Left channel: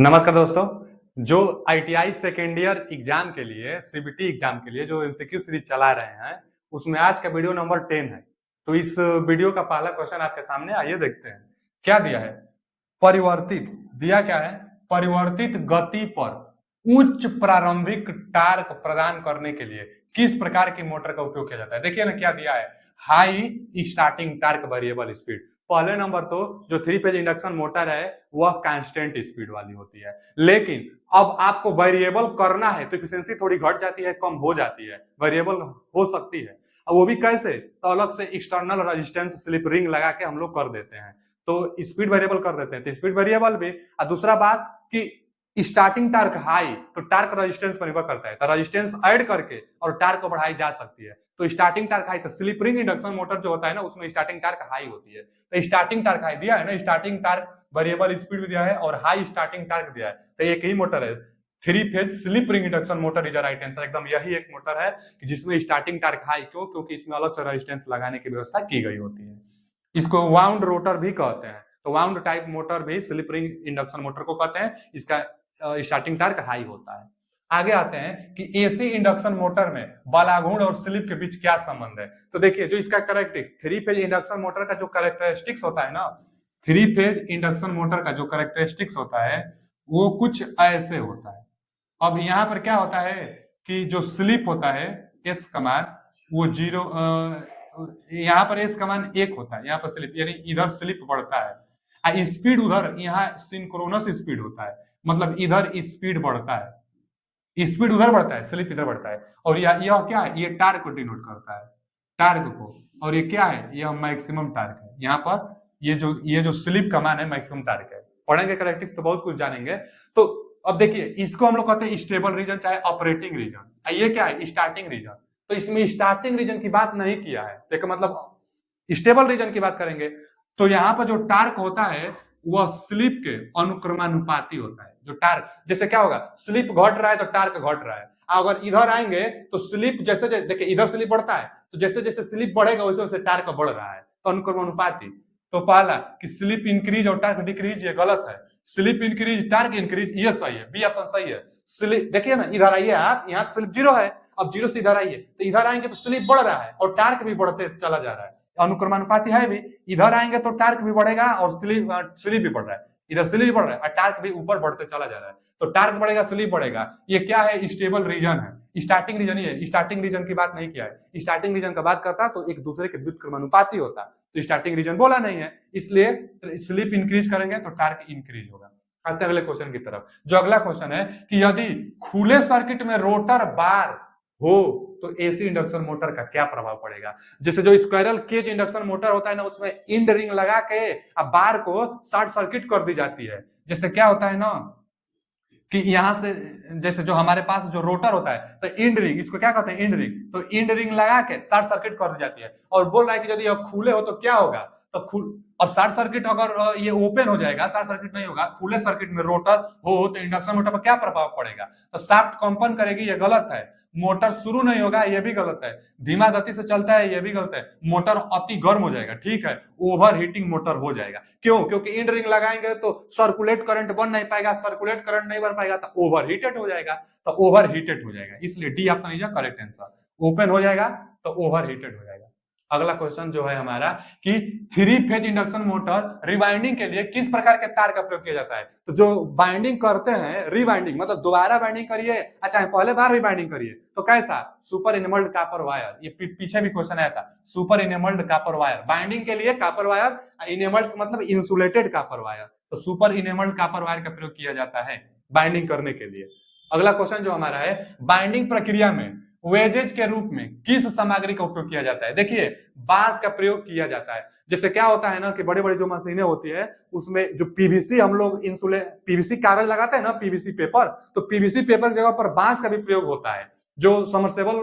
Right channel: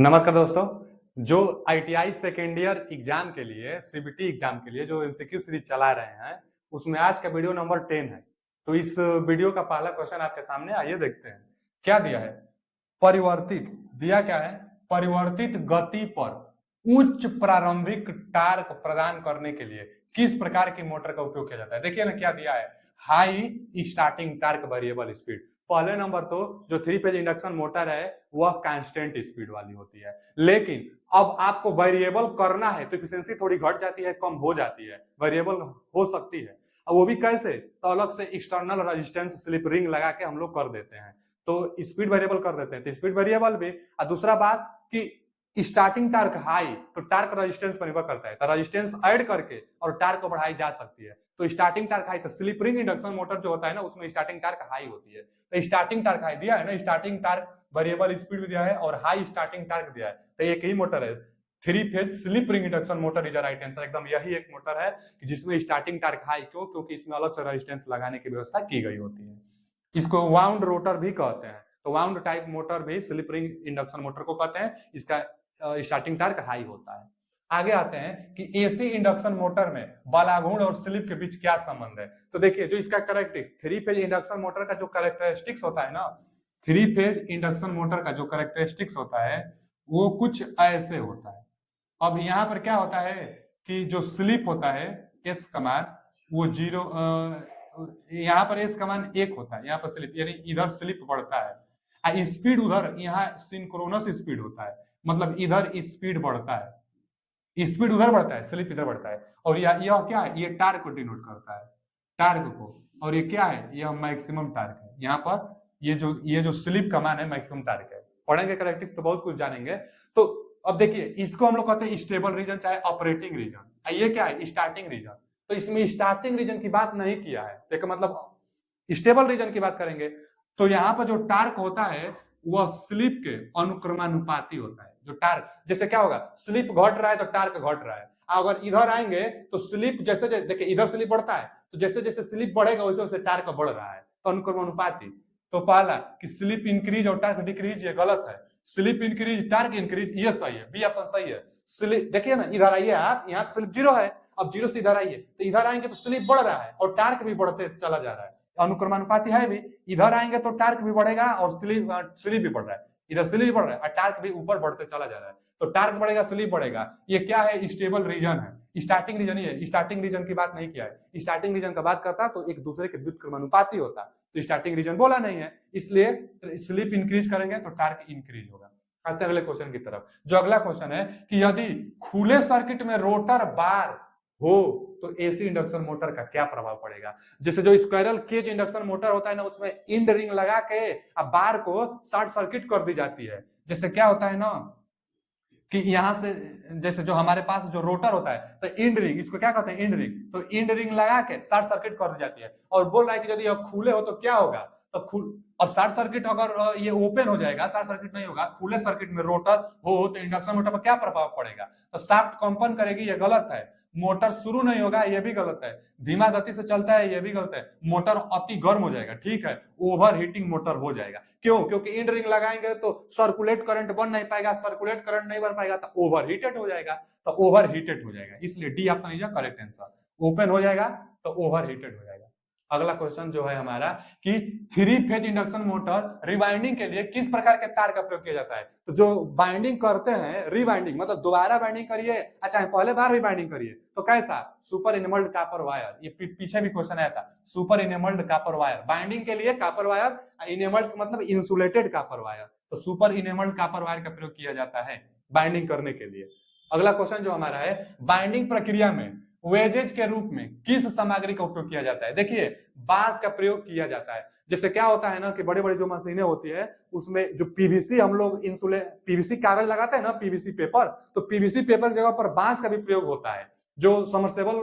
नमस्कार दोस्तों। जो आईटीआई सेकेंड ईयर एग्जाम के लिए सीबीटी एग्जाम के लिए जो एमसीक्यू सीरीज चला रहे हैं उसमें आज का वीडियो नंबर 10 है। तो इस वीडियो का पहला क्वेश्चन आपके सामने आइए देखते हैं क्या दिया है। परिवर्तित दिया क्या है, परिवर्तित गति पर उच्च प्रारंभिक टार्क प्रदान करने के लिए किस प्रकार की मोटर का उपयोग किया जाता है। देखिए ना क्या दिया है, high starting torque variable speed. पहले नंबर तो जो 3 फेज इंडक्शन मोटर है वह कांस्टेंट स्पीड वाली होती है, लेकिन अब आपको वेरिएबल करना है तो एफिशिएंसी थोड़ी घट जाती है, कम हो जाती है, वेरिएबल हो सकती है। अब वो भी कैसे, तो अलग से एक्सटर्नल रेजिस्टेंस स्लिप रिंग लगा के हम लोग कर देते हैं, तो स्पीड वेरिएबल कर देते हैं, तो स्पीड वेरिएबल भी। और दूसरा बात कि स्टार्टिंग टार्क हाई तो टार्क रेजिस्टेंस पर निर्भर करता है, तो रेजिस्टेंस ऐड करके और टार्क को बढ़ाई जा सकती है। तो स्टार्टिंग टार्क हाई, तो स्लिप रिंग इंडक्शन मोटर जो होता है ना उसमें स्टार्टिंग टार्क हाई होती है, तो स्टार्टिंग टार्क हाई दिया है ना, स्टार्टिंग टार्क वेरिएबल स्पीड भी दिया है और हाई स्टार्टिंग टार्क दिया है, तो एक ही मोटर है। 3 phase slip ring induction motor is right answer. एकदम यही एक मोटर है कि जिसमें स्टार्टिंग टार्क हाई, क्यों, क्योंकि इसमें अलग से रेजिस्टेंस लगाने की व्यवस्था की गई होती है। इसको वाउंड रोटर भी कहते हैं, तो वाउंड टाइप मोटर भी स्लिप रिंग इंडक्शन मोटर को कहते हैं। इसका स्टार्टिंग टार्क हाई होता है। आगे आते हैं कि एसी इंडक्शन मोटर में बालाघूर्ण और स्लिप के बीच क्या संबंध है। तो देखिए जो इसका कैरेक्टरिस्टिक्स, 3 फेज इंडक्शन मोटर का जो कैरेक्टरिस्टिक्स होता है ना, 3 फेज इंडक्शन मोटर का जो कैरेक्टरिस्टिक्स होता है वो कुछ ऐसे होता है। अब यहाँ पर क्या होता है कि जो स्लिप होता है एस कमान वो जीरो, यहाँ पर एस कमान 1 होता है, यहाँ पर स्लिप यानी इधर स्लिप बढ़ता है, स्पीड उधर यहाँ सिंक्रोनस स्पीड होता है, मतलब इधर स्पीड बढ़ता है, स्पीड उधर बढ़ता है, स्लिप इधर बढ़ता है। और यह क्या है, ये टार्क को डिनोट करता है, टार्क को। और ये क्या है, यह मैक्सिमम टार्क है। यहाँ पर ये जो स्लिप का मान है मैक्सिमम टार्क है। पढ़ेंगे करेक्टिव तो बहुत कुछ जानेंगे। तो अब देखिए इसको हम लोग कहते हैं स्टेबल रीजन चाहे ऑपरेटिंग रीजन, ये क्या है स्टार्टिंग रीजन। तो इसमें स्टार्टिंग रीजन की बात नहीं किया है, तो मतलब स्टेबल रीजन की बात करेंगे। तो यहाँ पर जो टार्क होता है वह स्लिप के अनुक्रमानुपाती होता है। जो टार्क, जैसे क्या होगा, स्लिप घट रहा है तो टार्क घट रहा है। अगर इधर आएंगे तो स्लिप जैसे देखिए इधर स्लिप बढ़ता है, तो जैसे जैसे स्लिप बढ़ेगा वैसे वैसे टार्क बढ़ रहा है, तो अनुक्रमानुपाती। तो पहला कि स्लिप इंक्रीज और टार्क डिक्रीज, ये गलत है। स्लिप इंक्रीज टार्क इंक्रीज ये सही है, बी ऑप्शन सही है। स्लिप देखिए ना, इधर आइए आप, यहाँ स्लिप जीरो है, अब जीरो से इधर आइए तो इधर आएंगे तो स्लिप बढ़ रहा है और टार्क भी बढ़ते चला जा रहा है, अनुक्रमानुपाती है भी। इधर आएंगे तो टार्क भी बढ़ेगा और स्लिप भी बढ़ रहा है, इधर स्लिप भी बढ़ रहा है और टार्क भी ऊपर बढ़ते चला जा रहा है, तो टार्क बढ़ेगा स्लिप बढ़ेगा। ये क्या है, स्टेबल रीजन है। स्टार्टिंग रीजन ही है, स्टार्टिंग रीजन की बात नहीं किया है। स्टार्टिंग रीजन का बात करता तो एक दूसरे के व्युत्क्रमानुपाती होता, तो स्टार्टिंग रीजन बोला नहीं है, इसलिए स्लिप इंक्रीज करेंगे तो टार्क इंक्रीज होगा। आते अगले क्वेश्चन की तरफ। जो अगला क्वेश्चन है कि यदि खुले सर्किट में रोटर बार हो तो एसी इंडक्शन मोटर का क्या प्रभाव पड़ेगा। जैसे जो स्क्वायरल केज इंडक्शन मोटर होता है ना उसमें इंड रिंग लगा के अब बार को शॉर्ट सर्किट कर दी जाती है। जैसे क्या होता है ना कि यहां से जैसे जो हमारे पास जो रोटर होता है तो इंड रिंग, इसको क्या कहते हैं इंड रिंग, तो इंड रिंग लगा के शॉर्ट सर्किट कर दी जाती है। और बोल रहा है कि यदि यह खुले हो तो क्या होगा, तो अब शॉर्ट सर्किट अगर ये ओपन हो जाएगा, शॉर्ट सर्किट नहीं होगा, खुले सर्किट में रोटर हो तो इंडक्शन मोटर पर क्या प्रभाव पड़ेगा, तो शाफ्ट कंपन करेगी, ये गलत है। मोटर शुरू नहीं होगा, ये भी गलत है। धीमा गति से चलता है, ये भी गलत है। मोटर अति गर्म हो जाएगा, ठीक है, ओवर हीटिंग मोटर हो जाएगा। क्यों, क्योंकि इंड रिंग लगाएंगे तो सर्कुलेट करंट बन नहीं पाएगा, सर्कुलेट करंट नहीं बन पाएगा तो ओवर हीटेड हो जाएगा, तो ओवर हीटेड हो जाएगा, इसलिए D option is correct answer. Open हो जाएगा तो ओवर हीटेड हो जाएगा। अगला क्वेश्चन जो है हमारा कि 3 फेज इंडक्शन मोटर रिवाइंडिंग के लिए किस प्रकार के तार का प्रयोग किया जाता है। तो जो बाइंडिंग करते हैं, रिवाइंडिंग मतलब दोबारा बाइंडिंग करिए, अच्छा पहले बार रिवाइंडिंग करिए, तो कैसा, सुपर इनेमल्ड कॉपर वायर। ये पीछे भी क्वेश्चन आया था, सुपर इनेमल्ड कॉपर वायर, बाइंडिंग के लिए कॉपर वायर, इनेमल्ड मतलब इंसुलेटेड कॉपर वायर, तो सुपर इनेमल्ड कॉपर वायर का प्रयोग किया जाता है बाइंडिंग करने के लिए। अगला क्वेश्चन जो हमारा है, बाइंडिंग प्रक्रिया में वेजेज के रूप में किस सामग्री का उपयोग किया जाता है। देखिए बांस का प्रयोग किया जाता है। जैसे क्या होता है ना कि बड़ी बड़ी जो मशीनें होती है उसमें जो पीवीसी हम लोग पीवीसी कागज लगाते हैं ना, पीवीसी पेपर, तो पीवीसी पेपर की जगह पर बांस का भी प्रयोग होता है। जो समरसेबल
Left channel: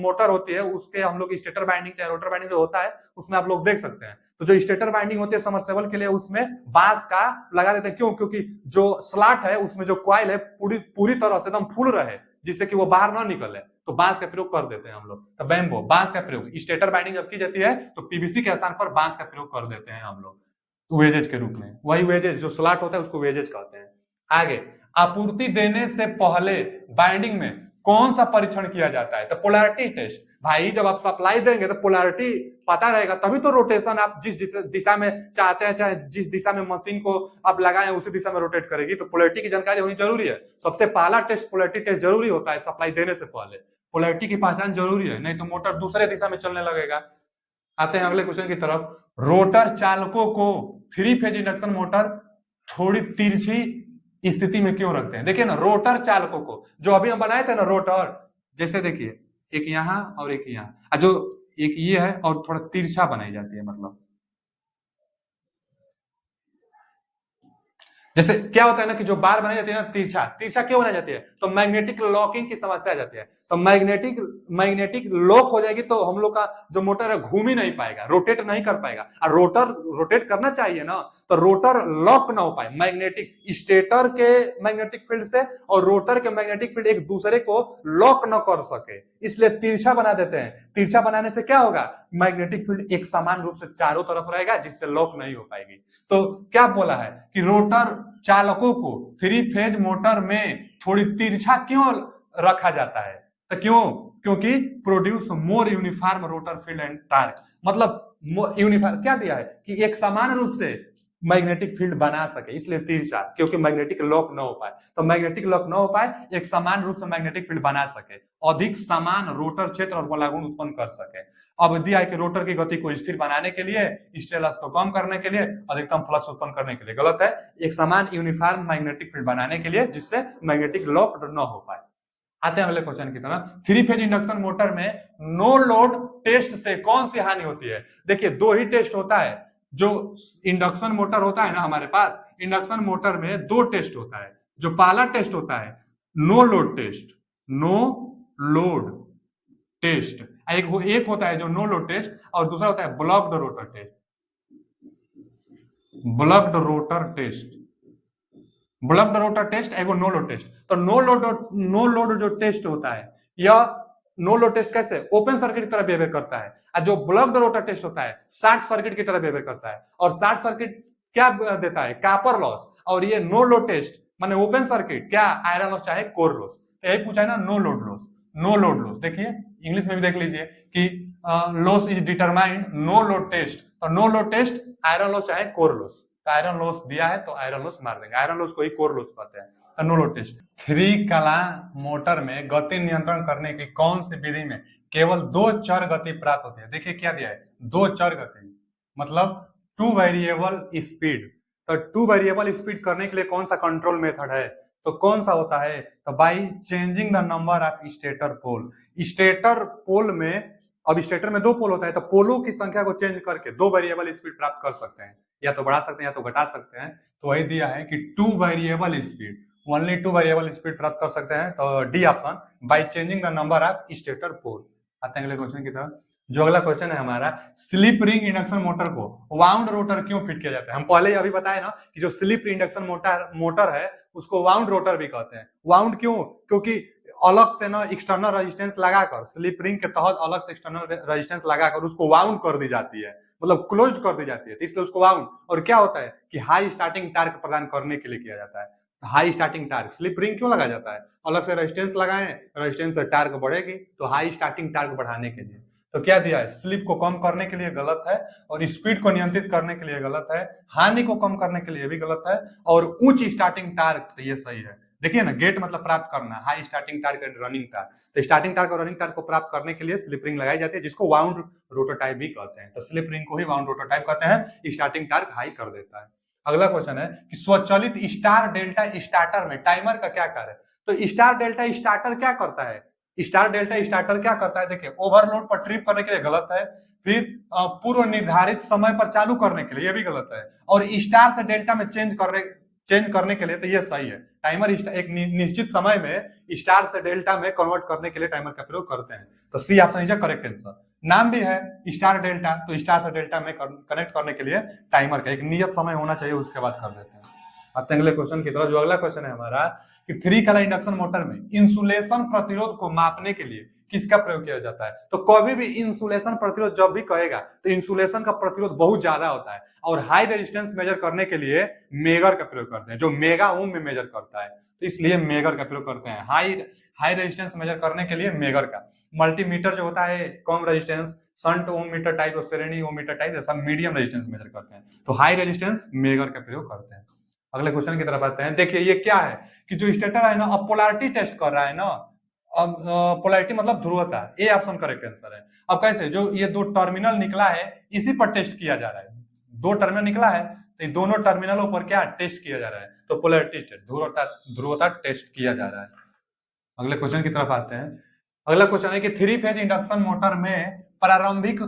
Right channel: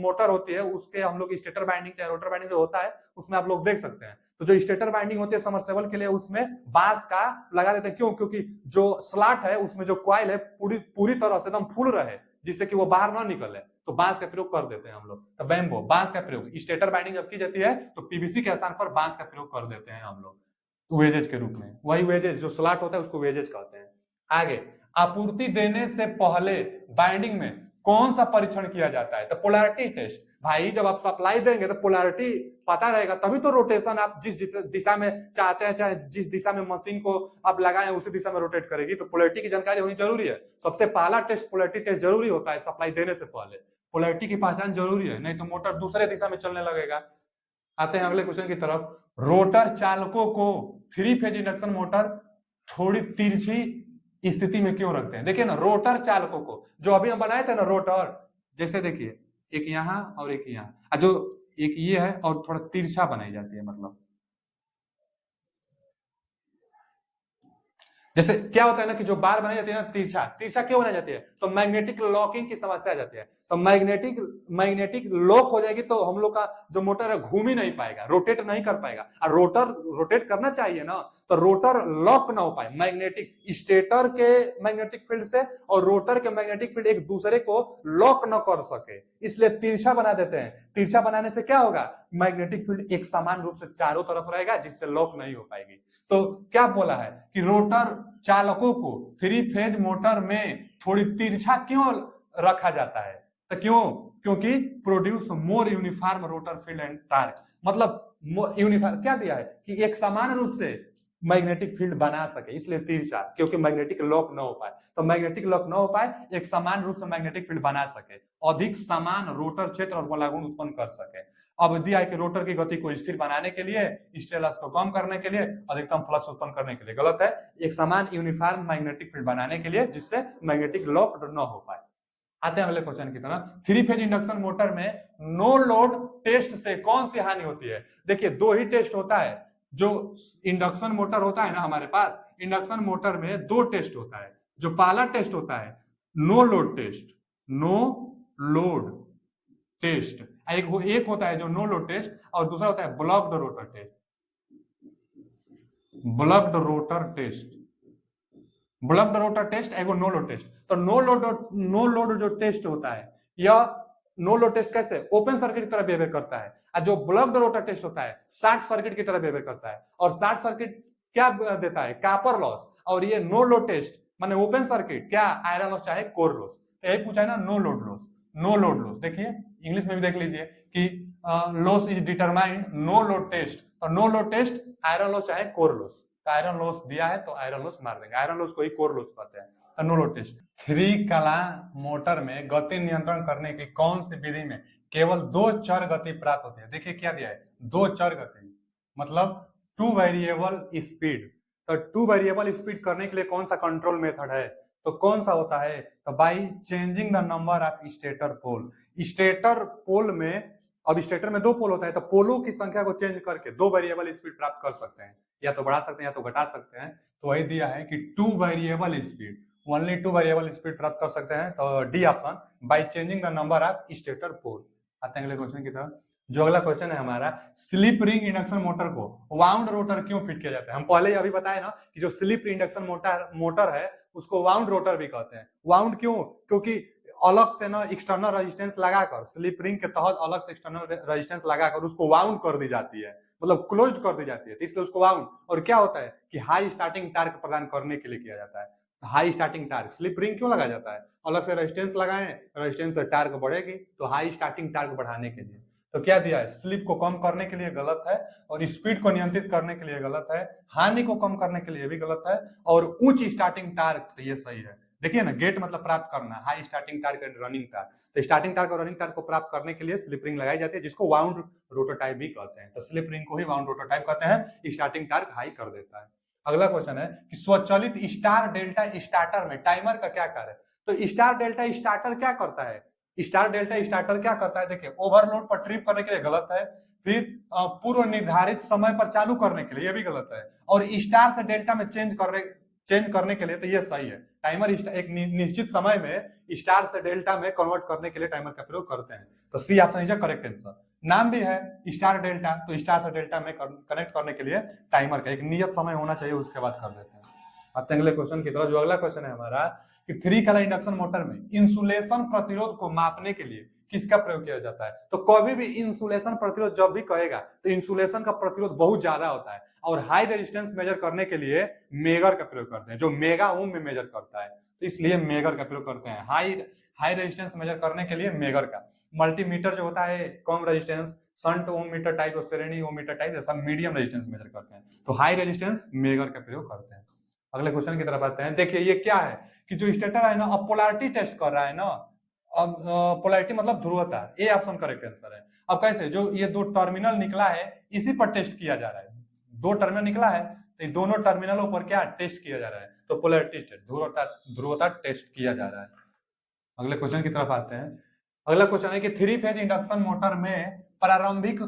मोटर होती है उसके हम लोग स्टेटर बाइंडिंग चाहे रोटर बाइंडिंग जो होता है उसमें आप लोग देख सकते हैं, तो जो स्टेटर बाइंडिंग होती है समरसेबल के लिए उसमें बांस का लगा देते हैं। क्यों, क्योंकि जो स्लॉट है उसमें जो कॉइल है पूरी पूरी तरह से एकदम फुल रहे, जिससे कि वो बाहर ना निकले, तो बांस का प्रयोग कर देते हैं हम लोग। तो बैम्बो, बांस का प्रयोग, स्टेटर बाइंडिंग जब की जाती है तो पीवीसी के स्थान पर बांस का प्रयोग कर देते हैं हम लोग वेजेज के रूप में। वही वेजेज जो स्लॉट होता है उसको वेजेज कहते हैं। आगे, आपूर्ति देने से पहले बाइंडिंग में कौन सा परीक्षण किया जाता है? तो पोलैरिटी टेस्ट। भाई जब आप सप्लाई देंगे तो पोलैरिटी पता रहेगा, तभी तो रोटेशन आप जिस दिशा में चाहते हैं, चाहे जिस दिशा में मशीन को आप लगाएं उसी दिशा में रोटेट करेगी। तो पोलैरिटी की जानकारी होनी जरूरी है। सबसे पहला टेस्ट पोलैरिटी टेस्ट जरूरी होता है सप्लाई देने से पहले। पोलैरिटी की पहचान जरूरी है, नहीं तो मोटर दूसरे दिशा में चलने लगेगा। आते हैं अगले क्वेश्चन की तरफ। रोटर चालकों को 3 फेज इंडक्शन मोटर थोड़ी तिरछी स्थिति में क्यों रखते हैं? देखिए ना, रोटर चालकों को जो अभी हम बनाए थे ना रोटर, जैसे देखिए एक यहाँ और एक यहाँ, जो एक ये है और थोड़ा तिरछा बनाई जाती है। मतलब जैसे क्या होता है ना कि जो बार बनाई जाती है ना तिरछा, तिरछा क्यों बनाई जाती है? तो मैग्नेटिक लॉकिंग की समस्या आ जाती है। तो मैग्नेटिक लॉक हो जाएगी तो हम लोग का जो मोटर है घूम ही नहीं पाएगा, रोटेट नहीं कर पाएगा। और रोटर रोटेट करना चाहिए ना, तो रोटर लॉक ना हो पाए। मैग्नेटिक स्टेटर के मैग्नेटिक फील्ड से और रोटर के मैग्नेटिक फील्ड एक दूसरे को लॉक न कर सके, इसलिए तिरछा बना देते हैं। तिरछा बनाने से क्या होगा? मैग्नेटिक फील्ड एक समान रूप से चारों तरफ रहेगा, जिससे लॉक नहीं हो पाएगी। तो क्या बोला है कि रोटर चालकों को 3 फेज मोटर में थोड़ी तिरछा क्यों रखा जाता है? तो क्यों? क्योंकि produce more uniform rotor field and torque. मतलब यूनिफॉर्म क्या दिया है कि एक समान रूप से मैग्नेटिक फील्ड बना सके, इसलिए तिरछा, क्योंकि मैग्नेटिक लॉक ना हो पाए। तो मैग्नेटिक लॉक ना हो पाए, एक समान रूप से मैग्नेटिक फील्ड बना सके, अधिक समान रोटर क्षेत्र और बलागुण उत्पन्न कर सके। अब दिया है कि रोटर की गति को स्थिर बनाने के लिए, स्टेलस को कम करने के लिए, अधिकतम फ्लक्स उत्पन्न करने के लिए। गलत है, एक समान यूनिफॉर्म मैग्नेटिक फील्ड बनाने के लिए, जिससे मैग्नेटिक लॉक न हो पाए। आते हैं अगले क्वेश्चन की तरफ। 3 फेज इंडक्शन मोटर में नो लोड टेस्ट से कौन सी हानि होती है? देखिए 2 ही टेस्ट होता है। जो इंडक्शन मोटर होता है ना हमारे पास, इंडक्शन मोटर में 2 टेस्ट होता है। जो पहला टेस्ट होता है no load test, no load test, एक होता है जो नो लोड टेस्ट, और दूसरा होता है blocked rotor test. Blocked rotor test, blocked rotor test, एगो नो लोड टेस्ट। तो नो लोड जो टेस्ट होता है, यह नो लोड टेस्ट कैसे ओपन सर्किट की तरह बिहेव करता है, और जो ब्लॉक्ड रोटर टेस्ट होता है शॉर्ट सर्किट की तरह बिहेव करता है। और शॉर्ट सर्किट क्या देता है? Copper loss. और ये नो लोड टेस्ट माने ओपन सर्किट क्या? आयरन लॉस चाहे कोर लॉस। यही पूछा है ना, no load loss. No load loss देखिए इंग्लिश में भी देख लीजिए कि loss is determined no load test. तो no load test iron loss चाहे कोर लॉस। आयरन लॉस दिया है तो आयरन लॉस मार देंगे, आयरन लॉस को ही कोर लॉस कहते हैं। No load test. 3 कला मोटर में गति नियंत्रण करने की कौन सी विधि में केवल 2 चर गति प्राप्त होती है? देखिए क्या दिया है, 2 चर गति, मतलब 2 वेरिएबल स्पीड। तो 2 वेरिएबल स्पीड करने के लिए कौन सा कंट्रोल मेथड है? तो कौन सा होता है? तो by changing the number of stator pole. Stator pole में, अब स्टेटर में 2 पोल होता है, तो पोलों की संख्या को चेंज करके 2 वेरिएबल स्पीड प्राप्त कर सकते हैं, या तो बढ़ा सकते हैं या तो घटा सकते हैं। तो वही दिया है कि 2 variable speed, only 2 variable speed प्राप्त कर सकते हैं। तो D option, by changing the number of stator pole. आते हैं अगले क्वेश्चन की तरफ। जो अगला क्वेश्चन है हमारा, स्लिप रिंग इंडक्शन मोटर को वाउंड रोटर क्यों फिट किया जाता है? हम पहले अभी बताए ना कि जो स्लिप इंडक्शन मोटर है उसको वाउंड रोटर भी कहते हैं। वाउंड क्यों? क्योंकि अलग से ना एक्सटर्नल रेजिस्टेंस लगाकर, स्लिप रिंग के तहत अलग से एक्सटर्नल रेजिस्टेंस लगाकर उसको वाउंड कर दी जाती है, मतलब क्लोज कर दी जाती है, इसलिए उसको वाउंड। और क्या होता है कि हाई स्टार्टिंग टार्क प्रदान करने के लिए किया जाता है। High starting torque, slip ring क्यों लगाया जाता है? अलग से रेजिस्टेंस लगाएं, रेजिस्टेंस से टार्क बढ़ेगी, तो हाई स्टार्टिंग टार्क बढ़ाने के लिए। तो क्या दिया है? स्लिप को कम करने के लिए गलत है, और स्पीड को नियंत्रित करने के लिए गलत है, हानि को कम करने के लिए भी गलत है, और उच्च स्टार्टिंग टार्क तो ये सही है। देखिए ना, गेट मतलब प्राप्त करना, high starting torque and running torque. तो स्टार्टिंग टार्क और रनिंग टार्क को प्राप्त करने के लिए स्लिप रिंग लगाई जाती है, जिसको वाउंड रोटोटाइप भी कहते हैं। तो स्लिप रिंग को ही वाउंड रोटोटाइप कहते हैं, स्टार्टिंग टार्क हाई कर देता है। अगला क्वेश्चन है कि स्वचालित स्टार डेल्टा स्टार्टर में टाइमर का क्या कार्य है? तो स्टार डेल्टा स्टार्टर क्या करता है? स्टार डेल्टा स्टार्टर क्या करता है? देखिए, ओवरलोड पर ट्रिप करने के लिए गलत है, फिर पूर्व निर्धारित समय पर चालू करने के लिए ये भी गलत है, और स्टार से डेल्टा में चेंज करने के लिए तो ये सही है। टाइमर एक निश्चित समय में स्टार से डेल्टा में कन्वर्ट करने के लिए टाइमर का प्रयोग करते हैं। तो C option is correct answer. नाम भी है स्टार डेल्टा, तो स्टार से डेल्टा में कनेक्ट करने के लिए टाइमर का एक नियत समय होना चाहिए, उसके बाद कर देते हैं। आते हैं अगले क्वेश्चन की तरफ। जो अगला क्वेश्चन है हमारा कि 3 कला इंडक्शन मोटर में इंसुलेशन प्रतिरोध को मापने के लिए किसका प्रयोग किया जाता है? तो कभी भी इंसुलेशन प्रतिरोध जब भी कहेगा तो इंसुलेशन का प्रतिरोध बहुत ज्यादा होता है और हाई रेजिस्टेंस मेजर करने के लिए मेगर का प्रयोग करते हैं, जो मेगा ओम में मेजर करता है, तो इसलिए मेगर का प्रयोग करते हैं। हाई हाई रेजिस्टेंस मेजर करने के लिए मेगर का। मल्टीमीटर जो होता है कम रेजिस्टेंस, शंट ओम मीटर टाइप और श्रेणी ओम मीटर टाइप, ऐसा मीडियम रेजिस्टेंस मेजर करते हैं। तो हाई रेजिस्टेंस मेगर का प्रयोग करते हैं। अगले क्वेश्चन की तरफ आते हैं। देखिए ये क्या है कि जो स्टेटर है ना, अब पोलैरिटी टेस्ट कर रहा है ना। अब पोलैरिटी मतलब ध्रुवता, ए ऑप्शन करेक्ट आंसर है। अब कैसे, जो ये दो टर्मिनल निकला है इसी पर टेस्ट किया जा रहा है। दो टर्मिनल निकला है तो इन दोनों टर्मिनलों पर क्या टेस्ट किया जा रहा है, तो पोलैरिटी टेस्ट, ध्रुवता टेस्ट किया जा रहा है। अगले क्वेश्चन की तरफ आते हैं। अगला क्वेश्चन है कि थ्री फेज इंडक्शन मोटर में प्रारंभिक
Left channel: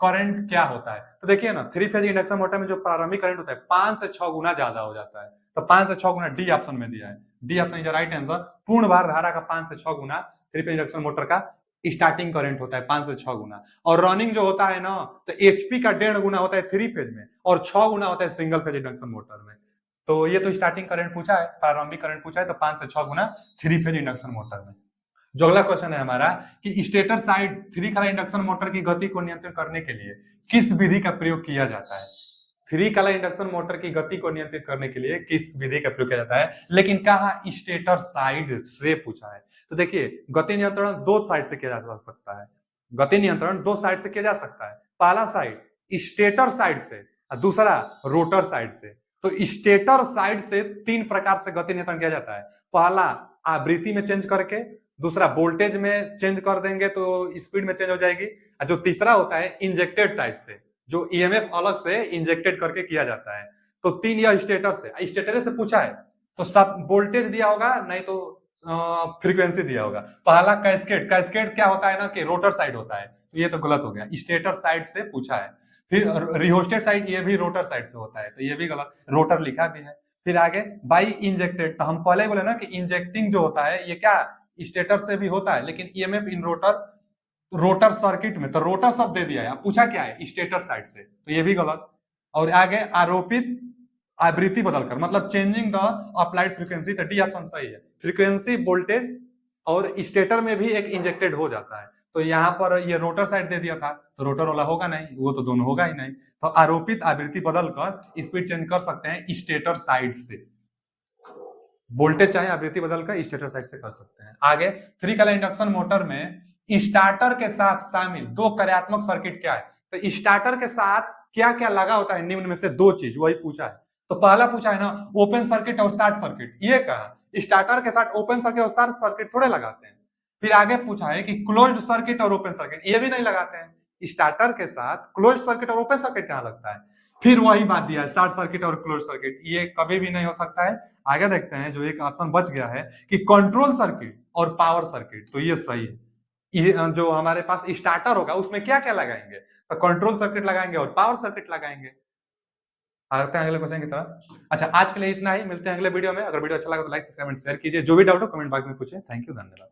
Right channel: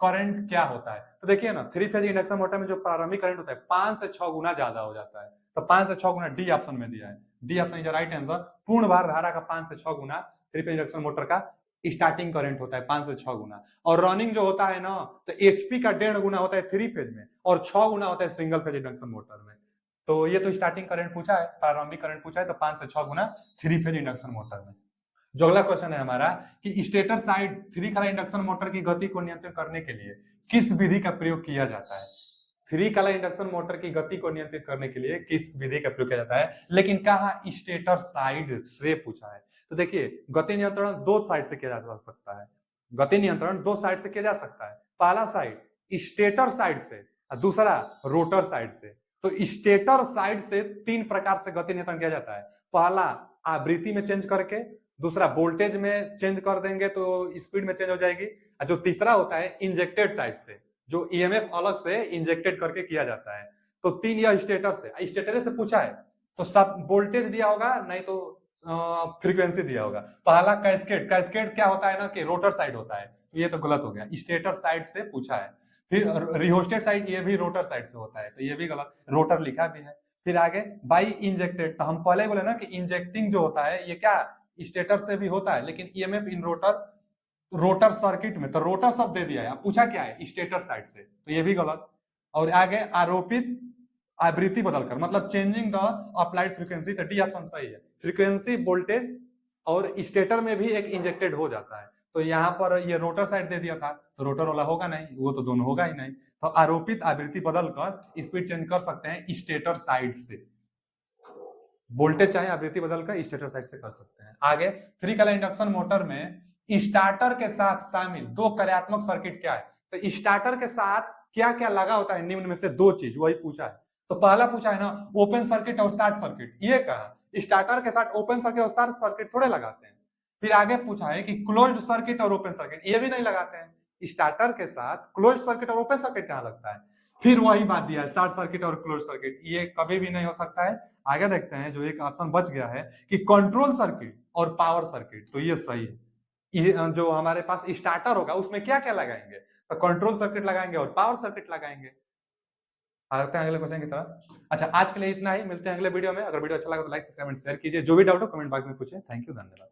करंट क्या होता है? तो देखिए ना, थ्री फेज इंडक्शन मोटर में जो प्रारंभिक करंट होता है 5 से 6 गुना ज्यादा हो जाता है। तो 5 से 6 गुना, डी ऑप्शन में दिया है, D option is right answer. पूर्ण भार धारा का 5 से 6 गुना थ्री फेज इंडक्शन मोटर का स्टार्टिंग करंट होता है, 5 से 6 गुना। और रनिंग जो होता है ना, तो एचपी का 1.5 गुना होता है थ्री फेज में और 6 गुना होता है सिंगल फेज इंडक्शन मोटर में। तो ये तो स्टार्टिंग करंट पूछा है, प्रारंभिक करंट पूछा है, तो 5 से 6 गुना थ्री फेज इंडक्शन मोटर में। जो अगला क्वेश्चन है हमारा कि स्टेटर साइड थ्री कला इंडक्शन मोटर की गति को नियंत्रित करने के लिए किस विधि का प्रयोग किया जाता है? थ्री कला इंडक्शन मोटर की गति को नियंत्रित करने के लिए किस विधि का प्रयोग किया जाता है, लेकिन कहा स्टेटर साइड से पूछा है। तो देखिए, गति नियंत्रण दो साइड से किया जा सकता है। गति नियंत्रण दो साइड से किया जा सकता है। पहला साइड स्टेटर साइड से और दूसरा रोटर साइड से। तो स्टेटर साइड से तीन प्रकार से गति नियंत्रण किया जाता है। पहला आवृत्ति में चेंज करके, दूसरा वोल्टेज में चेंज कर देंगे तो स्पीड में चेंज हो जाएगी, और जो तीसरा होता है इंजेक्टेड टाइप से, जो ईएमएफ अलग से इंजेक्टेड करके किया जाता है। तो तीन, यह स्टेटर से पूछा है तो सब वोल्टेज दिया होगा, नहीं तो फ्रीक्वेंसी दिया होगा। पहला कैस्केड, कैस्केड क्या होता है ना कि रोटर साइड होता है, तो ये तो गलत हो गया, स्टेटर साइड से पूछा है। फिर रिहोस्टेड साइड, ये भी रोटर साइड से होता है, तो ये भी गलत, रोटर लिखा भी है। फिर आगे बाई इंजेक्टेड, तो हम पहले बोले ना कि इंजेक्टिंग जो होता है ये क्या स्टेटर से भी होता है, लेकिन ईएमएफ इन रोटर सर्किट में, तो रोटर शब्द दे दिया है, पूछा क्या है स्टेटर साइड से, तो ये भी गलत। और आगे आरोपित आवृत्ति बदलकर, मतलब चेंजिंग द अप्लाइड फ्रीक्वेंसी, तो डी ऑप्शन सही है। फ्रीक्वेंसी वोल्टेज और स्टेटर में भी एक इंजेक्टेड हो जाता है, तो यहाँ पर ये रोटर साइड दे दिया था, तो रोटर वाला होगा नहीं, वो तो दोनों होगा ही नहीं। तो आरोपित आवृत्ति बदलकर स्पीड चेंज कर सकते हैं स्टेटर साइड से, वोल्टेज चाहे आवृत्ति बदलकर स्टेटर साइड से कर सकते हैं। आगे थ्री कला इंडक्शन मोटर में स्टार्टर के साथ शामिल दो कार्यात्मक सर्किट क्या है? तो स्टार्टर के साथ क्या क्या लगा होता है, निम्न में से दो चीज, वही पूछा है। तो पहला पूछा है ना ओपन सर्किट और शॉर्ट सर्किट, ये कहा स्टार्टर के साथ ओपन सर्किट और शॉर्ट सर्किट थोड़े लगाते हैं। फिर आगे पूछा है कि क्लोज्ड सर्किट और ओपन सर्किट, ये भी नहीं लगाते हैं। स्टार्टर के साथ क्लोज्ड सर्किट और ओपन सर्किट कहाँ लगता है? फिर वही बात दिया है, शॉर्ट सर्किट और क्लोज सर्किट, ये कभी भी नहीं हो सकता है। आगे देखते हैं, जो एक ऑप्शन बच गया है कि कंट्रोल सर्किट और पावर सर्किट, तो ये सही है। ये जो हमारे पास स्टार्टर होगा उसमें क्या क्या लगाएंगे, तो कंट्रोल सर्किट लगाएंगे और पावर सर्किट लगाएंगे। आते हैं अगले क्वेश्चन की तरफ। अच्छा, आज के लिए इतना ही, मिलते हैं अगले वीडियो में। अगर वीडियो अच्छा लगा तो लाइक, सब्सक्राइब एंड शेयर कीजिए। जो भी डाउट हो कमेंट बॉक्स में पूछे। थैंक यू, धन्यवाद।